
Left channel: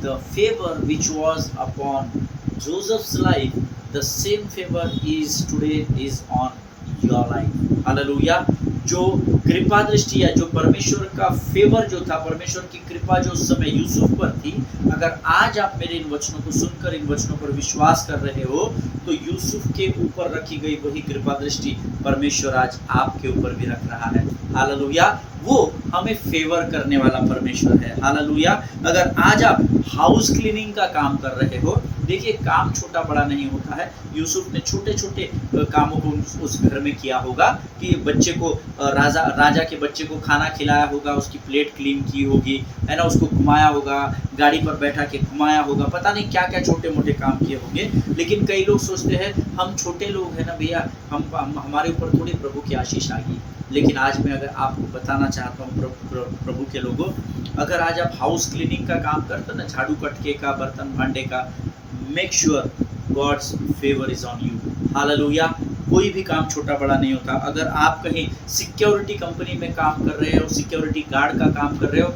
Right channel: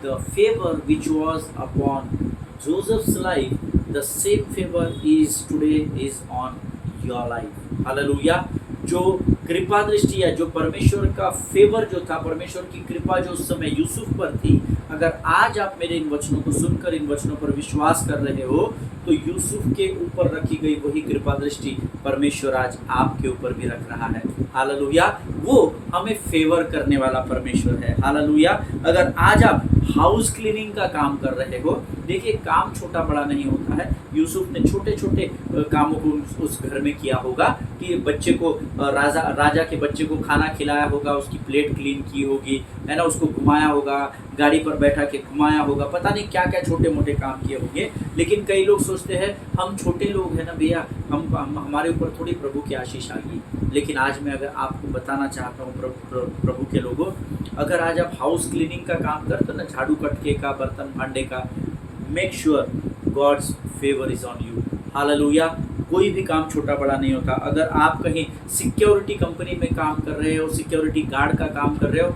the favor which was upon Joseph's life, the same favor is today is on your life. Hallelujah. जो कृपा दृष्टि या जो परमेश्वर का फेवर जो था, परमेश्वर की कृपा जो उस समय यूसुफ पर थी, अगर आज आप मेरे इन वचनों को सुनकर इन वचनों पर विश्वास कर रहे हो तो यूसुफ के ऊपर रखी गई वही कृपा दृष्टि परमेश्वर आज आपके ऊपर भी रख रहा है। हालेलुया। वो हमें फेवर करने वाला परमेश्वर है। हालेलुया। अगर आज आप हाउस क्लीनिंग का काम कर रहे हो, देखिए काम छोटा बड़ा नहीं होता है। यूसुफ ने छोटे छोटे कामों को उस घर में किया होगा कि बच्चे को राजा के बच्चे को खाना खिलाया होगा, उसकी प्लेट क्लीन की होगी, है ना, उसको घुमाया होगा, गाड़ी पर बैठा के घुमाया होगा, पता नहीं क्या क्या छोटे मोटे काम किए होंगे। लेकिन कई लोग सोचते हैं हम छोटे लोग हैं ना भैया, हम हमारे ऊपर थोड़ी प्रभु की आशीष आ गई। लेकिन आज मैं अगर आपको बताना चाहता हूँ प्रभु के लोगों, अगर आज आप हाउस क्लीनिंग का काम करते हो ना, झाड़ू कटके का, बर्तन भांडे का, make sure God's favour is on you. Hallelujah. कोई भी काम छोटा बड़ा नहीं होता। अगर आप कहीं सिक्योरिटी कंपनी में काम कर रहे हो, सिक्योरिटी गार्ड का काम कर रहे हो,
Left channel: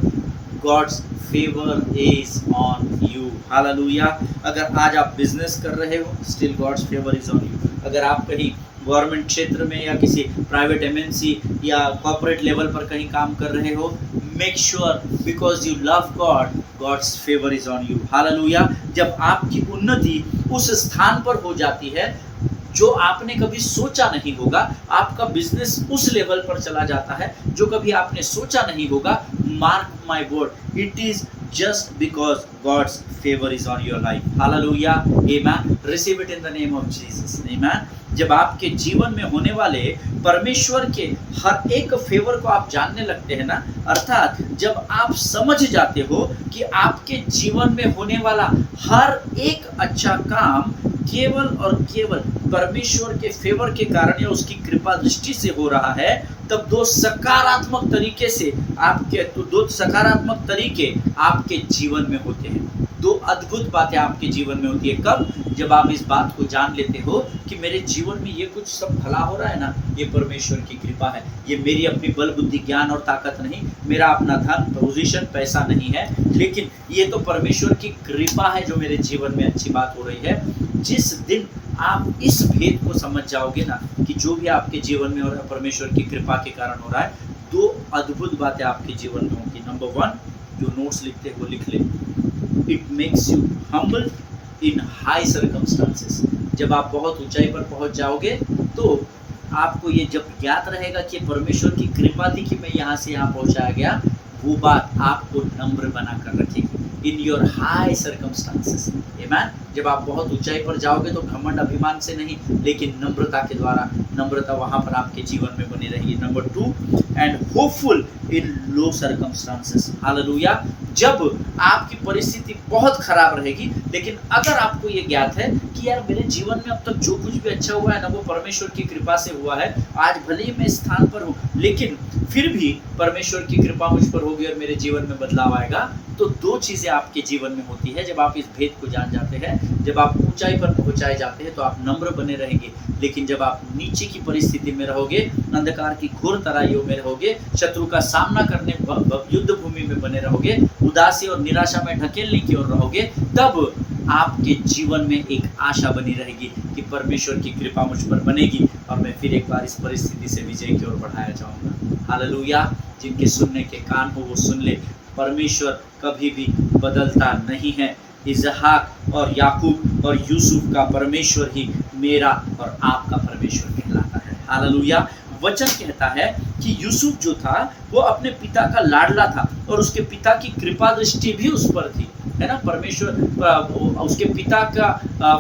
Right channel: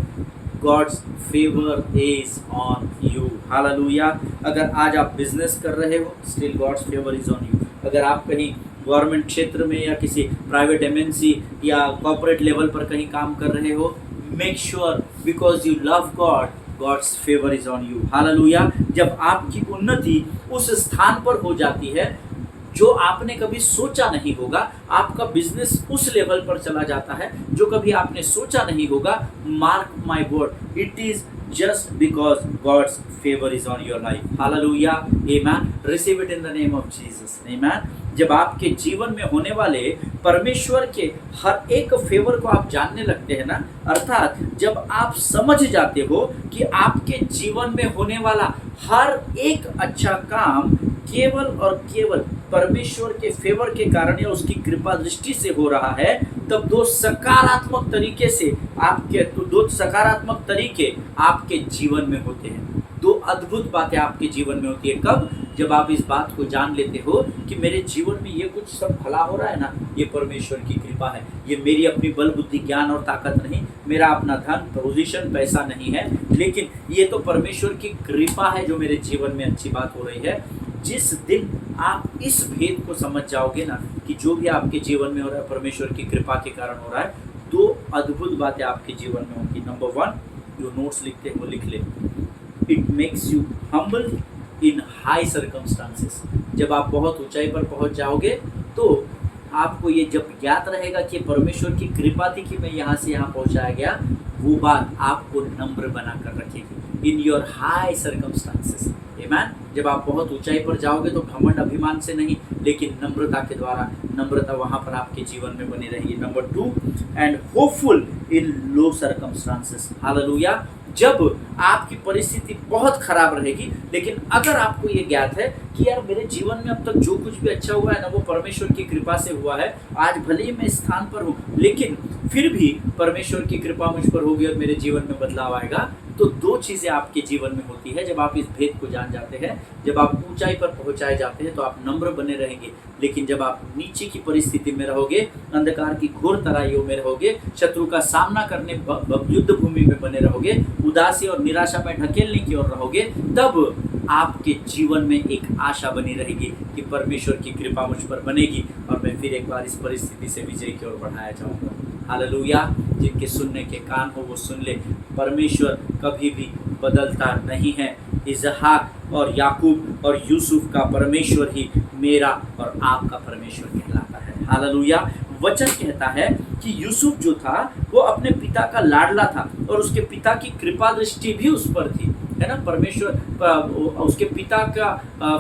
God's favour is on you. Hallelujah. अगर आज आप बिजनेस कर रहे हो, still God's favour is on you. अगर आप कहीं गवर्नमेंट क्षेत्र में या किसी प्राइवेट एमएनसी या कॉर्पोरेट लेवल पर कहीं काम कर रहे हो, make sure because you love God, God's favour is on you. Hallelujah. जब आपकी उन्नति उस स्थान पर हो जाती है जो आपने कभी सोचा नहीं होगा, आपका बिजनेस उस लेवल पर चला जाता है जो कभी आपने सोचा नहीं होगा, mark my word, it is just because God's favor is on your life. Hallelujah. Amen. Receive it in the name of Jesus. Amen. जब आपके जीवन में होने वाले परमेश्वर के हर एक फेवर को आप जानने लगते हैं ना, अर्थात जब आप समझ जाते हो कि आपके जीवन में होने वाला हर एक अच्छा काम केवल और केवल परमेश्वर के फेवर के कारण या उसकी कृपा दृष्टि से हो रहा है, तब दो सकारात्मक तरीके आपके जीवन में होते हैं। दो अद्भुत बातें आपके जीवन में होती है। कब? जब आप इस बात को जान लेते हो कि मेरे जीवन में ये कुछ सब भला हो रहा है ना, ये परमेश्वर की कृपा है, ये मेरी अपनी बल बुद्धि ज्ञान और ताकत नहीं, मेरा अपना धन पोजीशन पैसा नहीं है, लेकिन ये तो परमेश्वर की कृपा है जो मेरे जीवन में अच्छी बात हो रही है। जिस दिन आप इस भेद को समझ जाओगे ना कि जो भी आपके जीवन में हो रहा है परमेश्वर की कृपा के कारण हो रहा है, दो अद्भुत बातें आपके जीवन में होंगी। नंबर वन, जो नोट्स लिखते हैं वो लिख ले, it makes you humble in high circumstances. जब आप बहुत ऊंचाई पर पहुंच जाओगे तो आपको ये जब याद रहेगा कि परमेश्वर की कृपा थी कि मैं यहाँ से यहाँ पहुँचाया गया, वो बात आपको नम्र बना कर रखेगी इन योर हाई सर्कमस्टांसेस। आमीन। जब आप बहुत ऊंचाई पर जाओगे तो घमंड अभिमान से नहीं, लेकिन नम्रता के द्वारा, नम्रता वहाँ पर आपके जीवन में बनी रहेगी। Number two, and hopeful in low circumstances. Hallelujah. जब आपकी परिस्थिति बहुत खराब रहेगी, लेकिन अगर आपको ये ज्ञात है कि यार मेरे जीवन में अब तक जो कुछ भी अच्छा हुआ है ना वो परमेश्वर की कृपा से हुआ है, आज भले ही मैं इस स्थान पर हूँ लेकिन फिर भी परमेश्वर की कृपा मुझ पर होगी और मेरे जीवन में बदलाव आएगा, तो दो चीज़ें आपके जीवन में होती है जब आप इस भेद को जान जाते हैं। जब आप ऊंचाई पर पहुंचाए जाते हैं तो आप नम्र बने रहेंगे, लेकिन जब आप नीचे की परिस्थिति में रहोगे, अंधकार की घोर तराइयों में रहोगे, शत्रु का सामना करने युद्ध भूमि में बने रहोगे, उदासी और निराशा में ढकेलने की ओर रहोगे, तब आपके जीवन में एक आशा बनी रहेगी कि परमेश्वर की कृपा मुझ पर बनेगी और मैं फिर एक बार इस परिस्थिति से विजय की ओर बढ़ाया जाऊंगा। हालेलुया। जिनके सुनने के कान हो वो सुन ले। परमेश्वर कभी भी बदलता नहीं है। इसहाक और याकूब और यूसुफ का परमेश्वर ही मेरा और आपका परमेश्वर कहलाता है। हालेलुया। वचन कहता है कि यूसुफ जो था वो अपने पिता का लाडला था और उसके पिता की कृपा दृष्टि भी उस पर थी, है ना। परमेश्वर उसके पिता का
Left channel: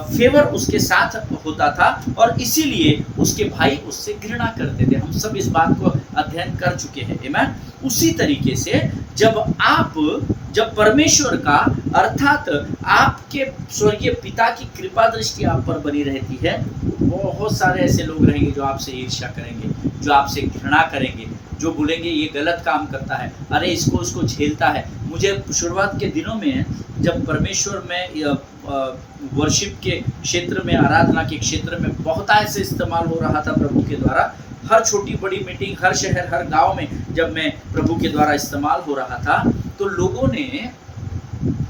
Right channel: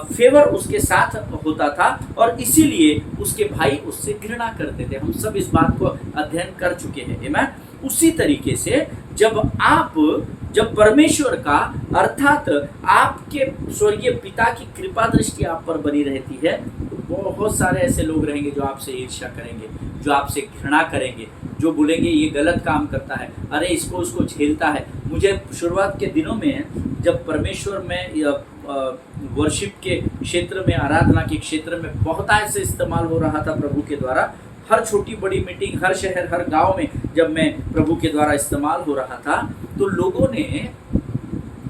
फेवर उसके साथ होता था और इसीलिए उसके भाई उससे घृणा करते थे। हम सब इस बात को अध्ययन कर चुके हैं। आमीन। उसी तरीके से जब परमेश्वर का अर्थात आपके स्वर्गीय पिता की कृपा दृष्टि आप पर बनी रहती है, तो बहुत सारे ऐसे लोग रहेंगे जो आपसे ईर्ष्या करेंगे, जो आपसे घृणा करेंगे, जो बोलेंगे ये गलत काम करता है, अरे इसको उसको झेलता है। मुझे शुरुआत के दिनों में जब परमेश्वर में वर्शिप के क्षेत्र में, आराधना के क्षेत्र में बहुत ऐसे इस्तेमाल हो रहा था प्रभु के द्वारा, हर छोटी बड़ी मीटिंग, हर शहर, हर गांव में जब मैं प्रभु के द्वारा इस्तेमाल हो रहा था, तो लोगों ने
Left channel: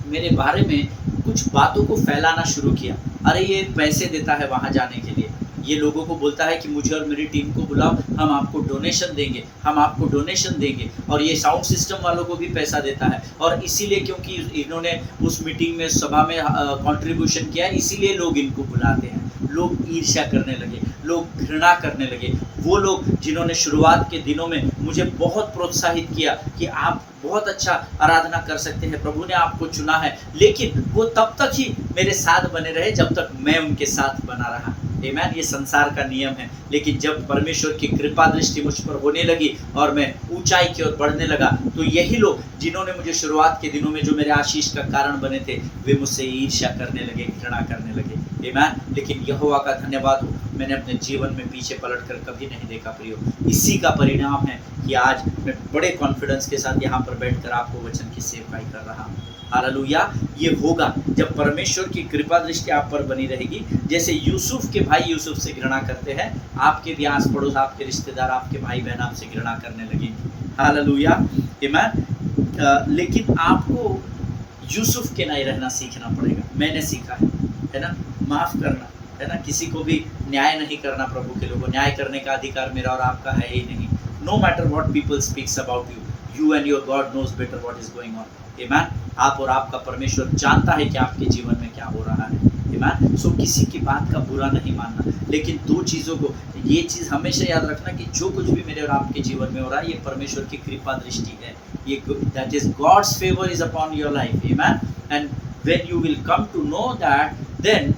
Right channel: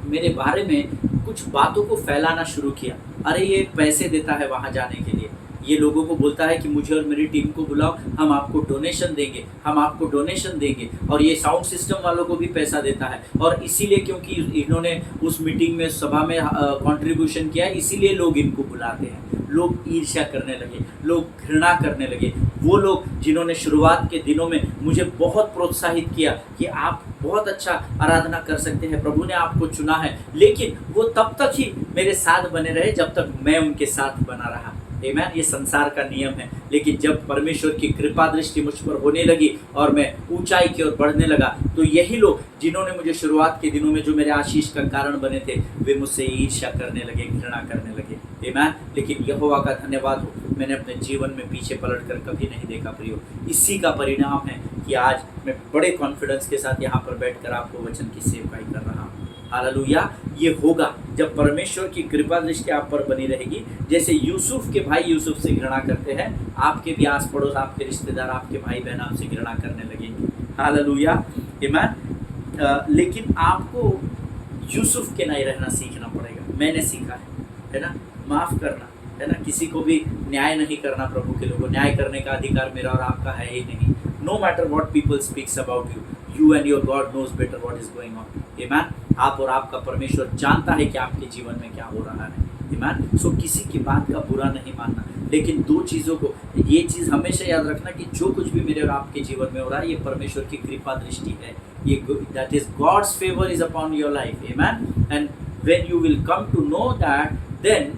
मेरे बारे में कुछ बातों को फैलाना शुरू किया। अरे ये पैसे देता है वहाँ जाने के लिए, ये लोगों को बोलता है कि मुझे और मेरी टीम को बुलाओ, हम आपको डोनेशन देंगे, हम आपको डोनेशन देंगे, और ये साउंड सिस्टम वालों को भी पैसा देता है। और इसीलिए क्योंकि इन्होंने उस मीटिंग में, सभा में कंट्रीब्यूशन किया, इसीलिए लोग इनको बुलाते हैं। लोग ईर्ष्या करने लगे, लोग घृणा करने लगे। वो लोग जिन्होंने शुरुआत के दिनों में मुझे बहुत प्रोत्साहित किया कि आप बहुत अच्छा आराधना कर सकते हैं, प्रभु ने आपको चुना है, लेकिन वो तब तक ही मेरे साथ बने रहे जब तक मैं उनके साथ बना रहा। आमीन। ये संसार का नियम है, लेकिन जब परमेश्वर की कृपा दृष्टि मुझ पर होने लगी और मैं ऊंचाई की ओर बढ़ने लगा, तो यही लोग जिन्होंने मुझे शुरुआत के दिनों में जो मेरे आशीष का कारण बने थे, वे मुझसे ईर्ष्या करने लगे, घृणा करने लगे। आमीन। लेकिन यहोवा का धन्यवाद हो, मैंने अपने जीवन में पीछे पलट कर कभी नहीं देखा प्रियो। इसी का परिणाम है कि आज मैं बड़े कॉन्फिडेंस के साथ यहाँ पर बैठकर आपको वचन की सेवकाई कर रहा हूँ। हालेलुया। ये होगा जब परमेश्वर की कृपा दृष्टि आप पर बनी रहेगी। जैसे यूसुफ के भाई यूसुफ से घृणा करते हैं, आपके भी आस पड़ोस, आपके रिश्तेदार, आपके भाई बहन आपसे घृणा करने लगेंगे। हालेलुया। आमीन। लेकिन आपको यूसुफ के नहीं रहना सीखना पड़ेगा। मैंने सीखा है ना, माफ़ करना, है ना। किसी को भी न्याय नहीं करना। प्रभु के लोगों, न्याय करने का अधिकार मेरा और आपका है ही नहीं। No matter what people speaks about you, you and your God knows better what is going on. आमीन। आप और आपका परमेश्वर जानता है कि आपके जीवन में क्या हो रहा है। आमीन। सो किसी की बात का बुरा नहीं मानना, लेकिन दो चीज़ों को, ये चीज़ हमेशा याद रखना कि जो कुछ भी मेरे और आपके जीवन में हो रहा है, ये परमेश्वर की कृपा दृष्टि है। ये that is God's favour is upon your life. Amen. And when you will come to know that, then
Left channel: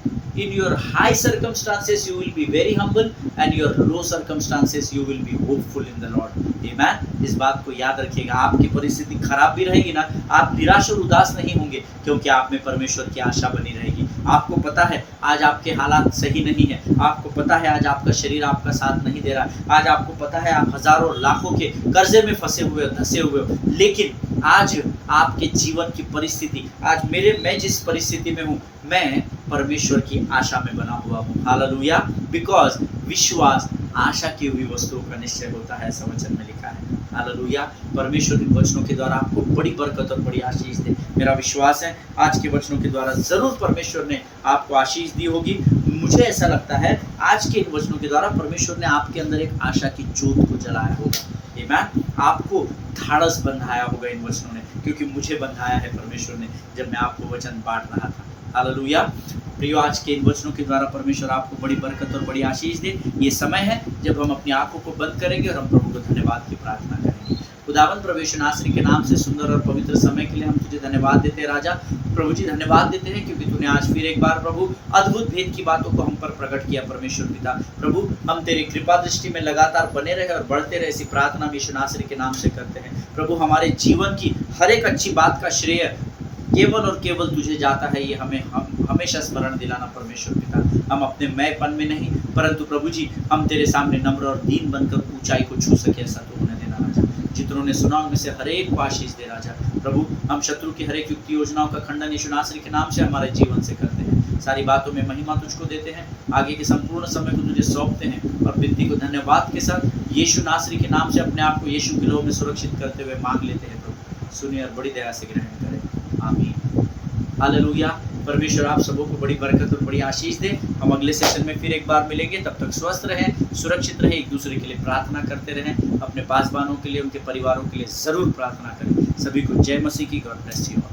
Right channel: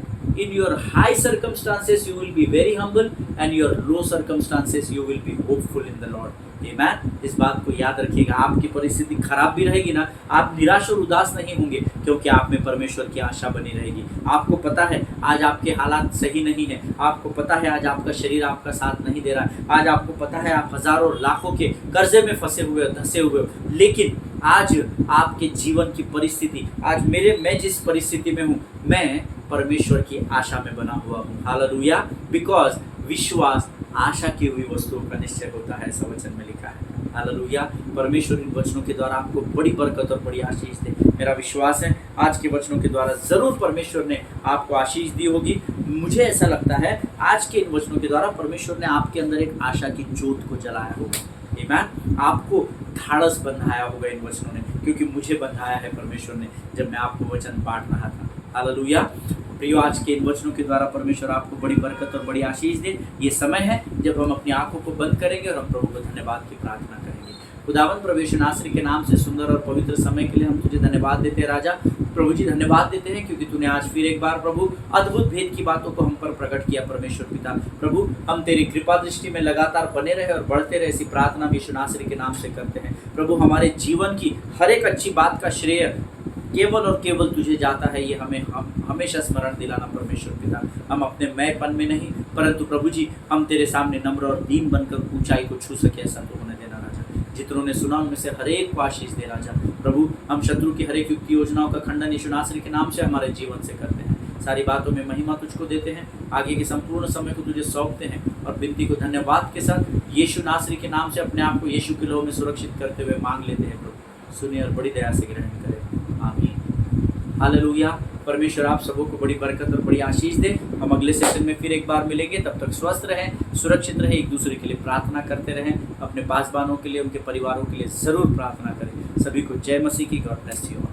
in your high circumstances you will be very humble and your low circumstances you will be hopeful in the Lord. Amen. इस बात को याद रखिएगा। आपकी परिस्थिति खराब भी रहेगी ना, आप निराश और उदास नहीं होंगे, क्योंकि आप में परमेश्वर की आशा बनी रहेगी। आपको पता है आज आपके हालात सही नहीं है, आपको पता है आज आपका शरीर आपका साथ नहीं दे रहा, आज आपको पता है आप हजारों लाखों के कर्जे में फंसे हुए हो, धंसे हुए हो, लेकिन आज आपके जीवन की परिस्थिति, आज मैं जिस परिस्थिति में हूँ, मैं परमेश्वर की आशा में बना हुआ हूँ। हालेलुया। बिकॉज विश्वास आशा की हुई वस्तुओं का निश्चय होता है, ऐसा वचन में लिखा है। हालेलुया। परमेश्वर इन वचनों के द्वारा आपको बड़ी बरकत और बड़ी आशीष दे। मेरा विश्वास है आज के वचनों के द्वारा ज़रूर परमेश्वर ने आपको आशीष दी होगी। मुझे ऐसा लगता है आज के इन वचनों के द्वारा परमेश्वर ने आपके अंदर एक आशा की ज्योत को जलाया होगा। आमीन। आपको धाड़स बंधाया होगा इन वचनों ने, क्योंकि मुझे बंधाया है परमेश्वर ने जब मैं आपको वचन बांट रहा था। हालेलुया। प्रियो, आज के इन वचनों के द्वारा परमेश्वर आपको बड़ी बरकत और बड़ी आशीष दे। ये समय है जब हम अपनी आंखों को बंद करेंगे और हम प्रभु को धन्यवाद की प्रार्थना करेंगे। खुदावन प्रभु यीशु नासरी के नाम से सुंदर और पवित्र समय के लिए हम तुझे धन्यवाद देते हैं राजा। प्रभु जी धन्यवाद देते हैं क्योंकि तूने आज फिर एक बार प्रभु अद्भुत भेद की बातों को हम पर प्रकट किया परमेश्वर पिता। प्रभु हम तेरी कृपा दृष्टि में लगातार बने रहे और बढ़ते रहे, ऐसी प्रार्थना यीशु नासरी के नाम से करते हैं। प्रभु हमारे जीवन की हर एक अच्छी बात का श्रेय केवल और केवल तुझे जाता है, ये हम हमेशा स्मरण दिलाना परमेश्वर पिता। हम अपने मैंपन में नहीं परंतु प्रभु जी हम तेरे सामने नम्र और दीन बनकर ऊंचाई को छू सके, ऐसा तो होने देना राजा। जितनों ने सुना उनमें से हर एक को आशीष दे राजा। प्रभु हम शत्रु की हर एक युक्ति योजनाओं का खंडन यीशु नासरी के नाम से हमारे जीवन से करते हैं। सारी बातों में महिमा तुझको देते हैं, आगे के संपूर्ण समय को तुझे सौंपते हैं और विनती को धन्यवाद के साथ यीशु नासरी के नाम से अपने आप को यीशु के लोह में सुरक्षित करते हुए मांग लेते हैं। प्रभु सुनिए और बड़ी दया से ग्रहण करें, आमीन। हालेलुया। परमेश्वर आप सबों को बड़ी बरकत और बड़ी आशीष दे। हम अगले सेशन में फिर एक बार मिलेंगे, तब तक स्वस्थ रहें, सुरक्षित रहें, एक दूसरे के लिए प्रार्थना करते रहें। अपने पासबानों के लिए, उनके परिवारों के लिए ज़रूर प्रार्थना करें। सभी को जय मसीह की। God bless you.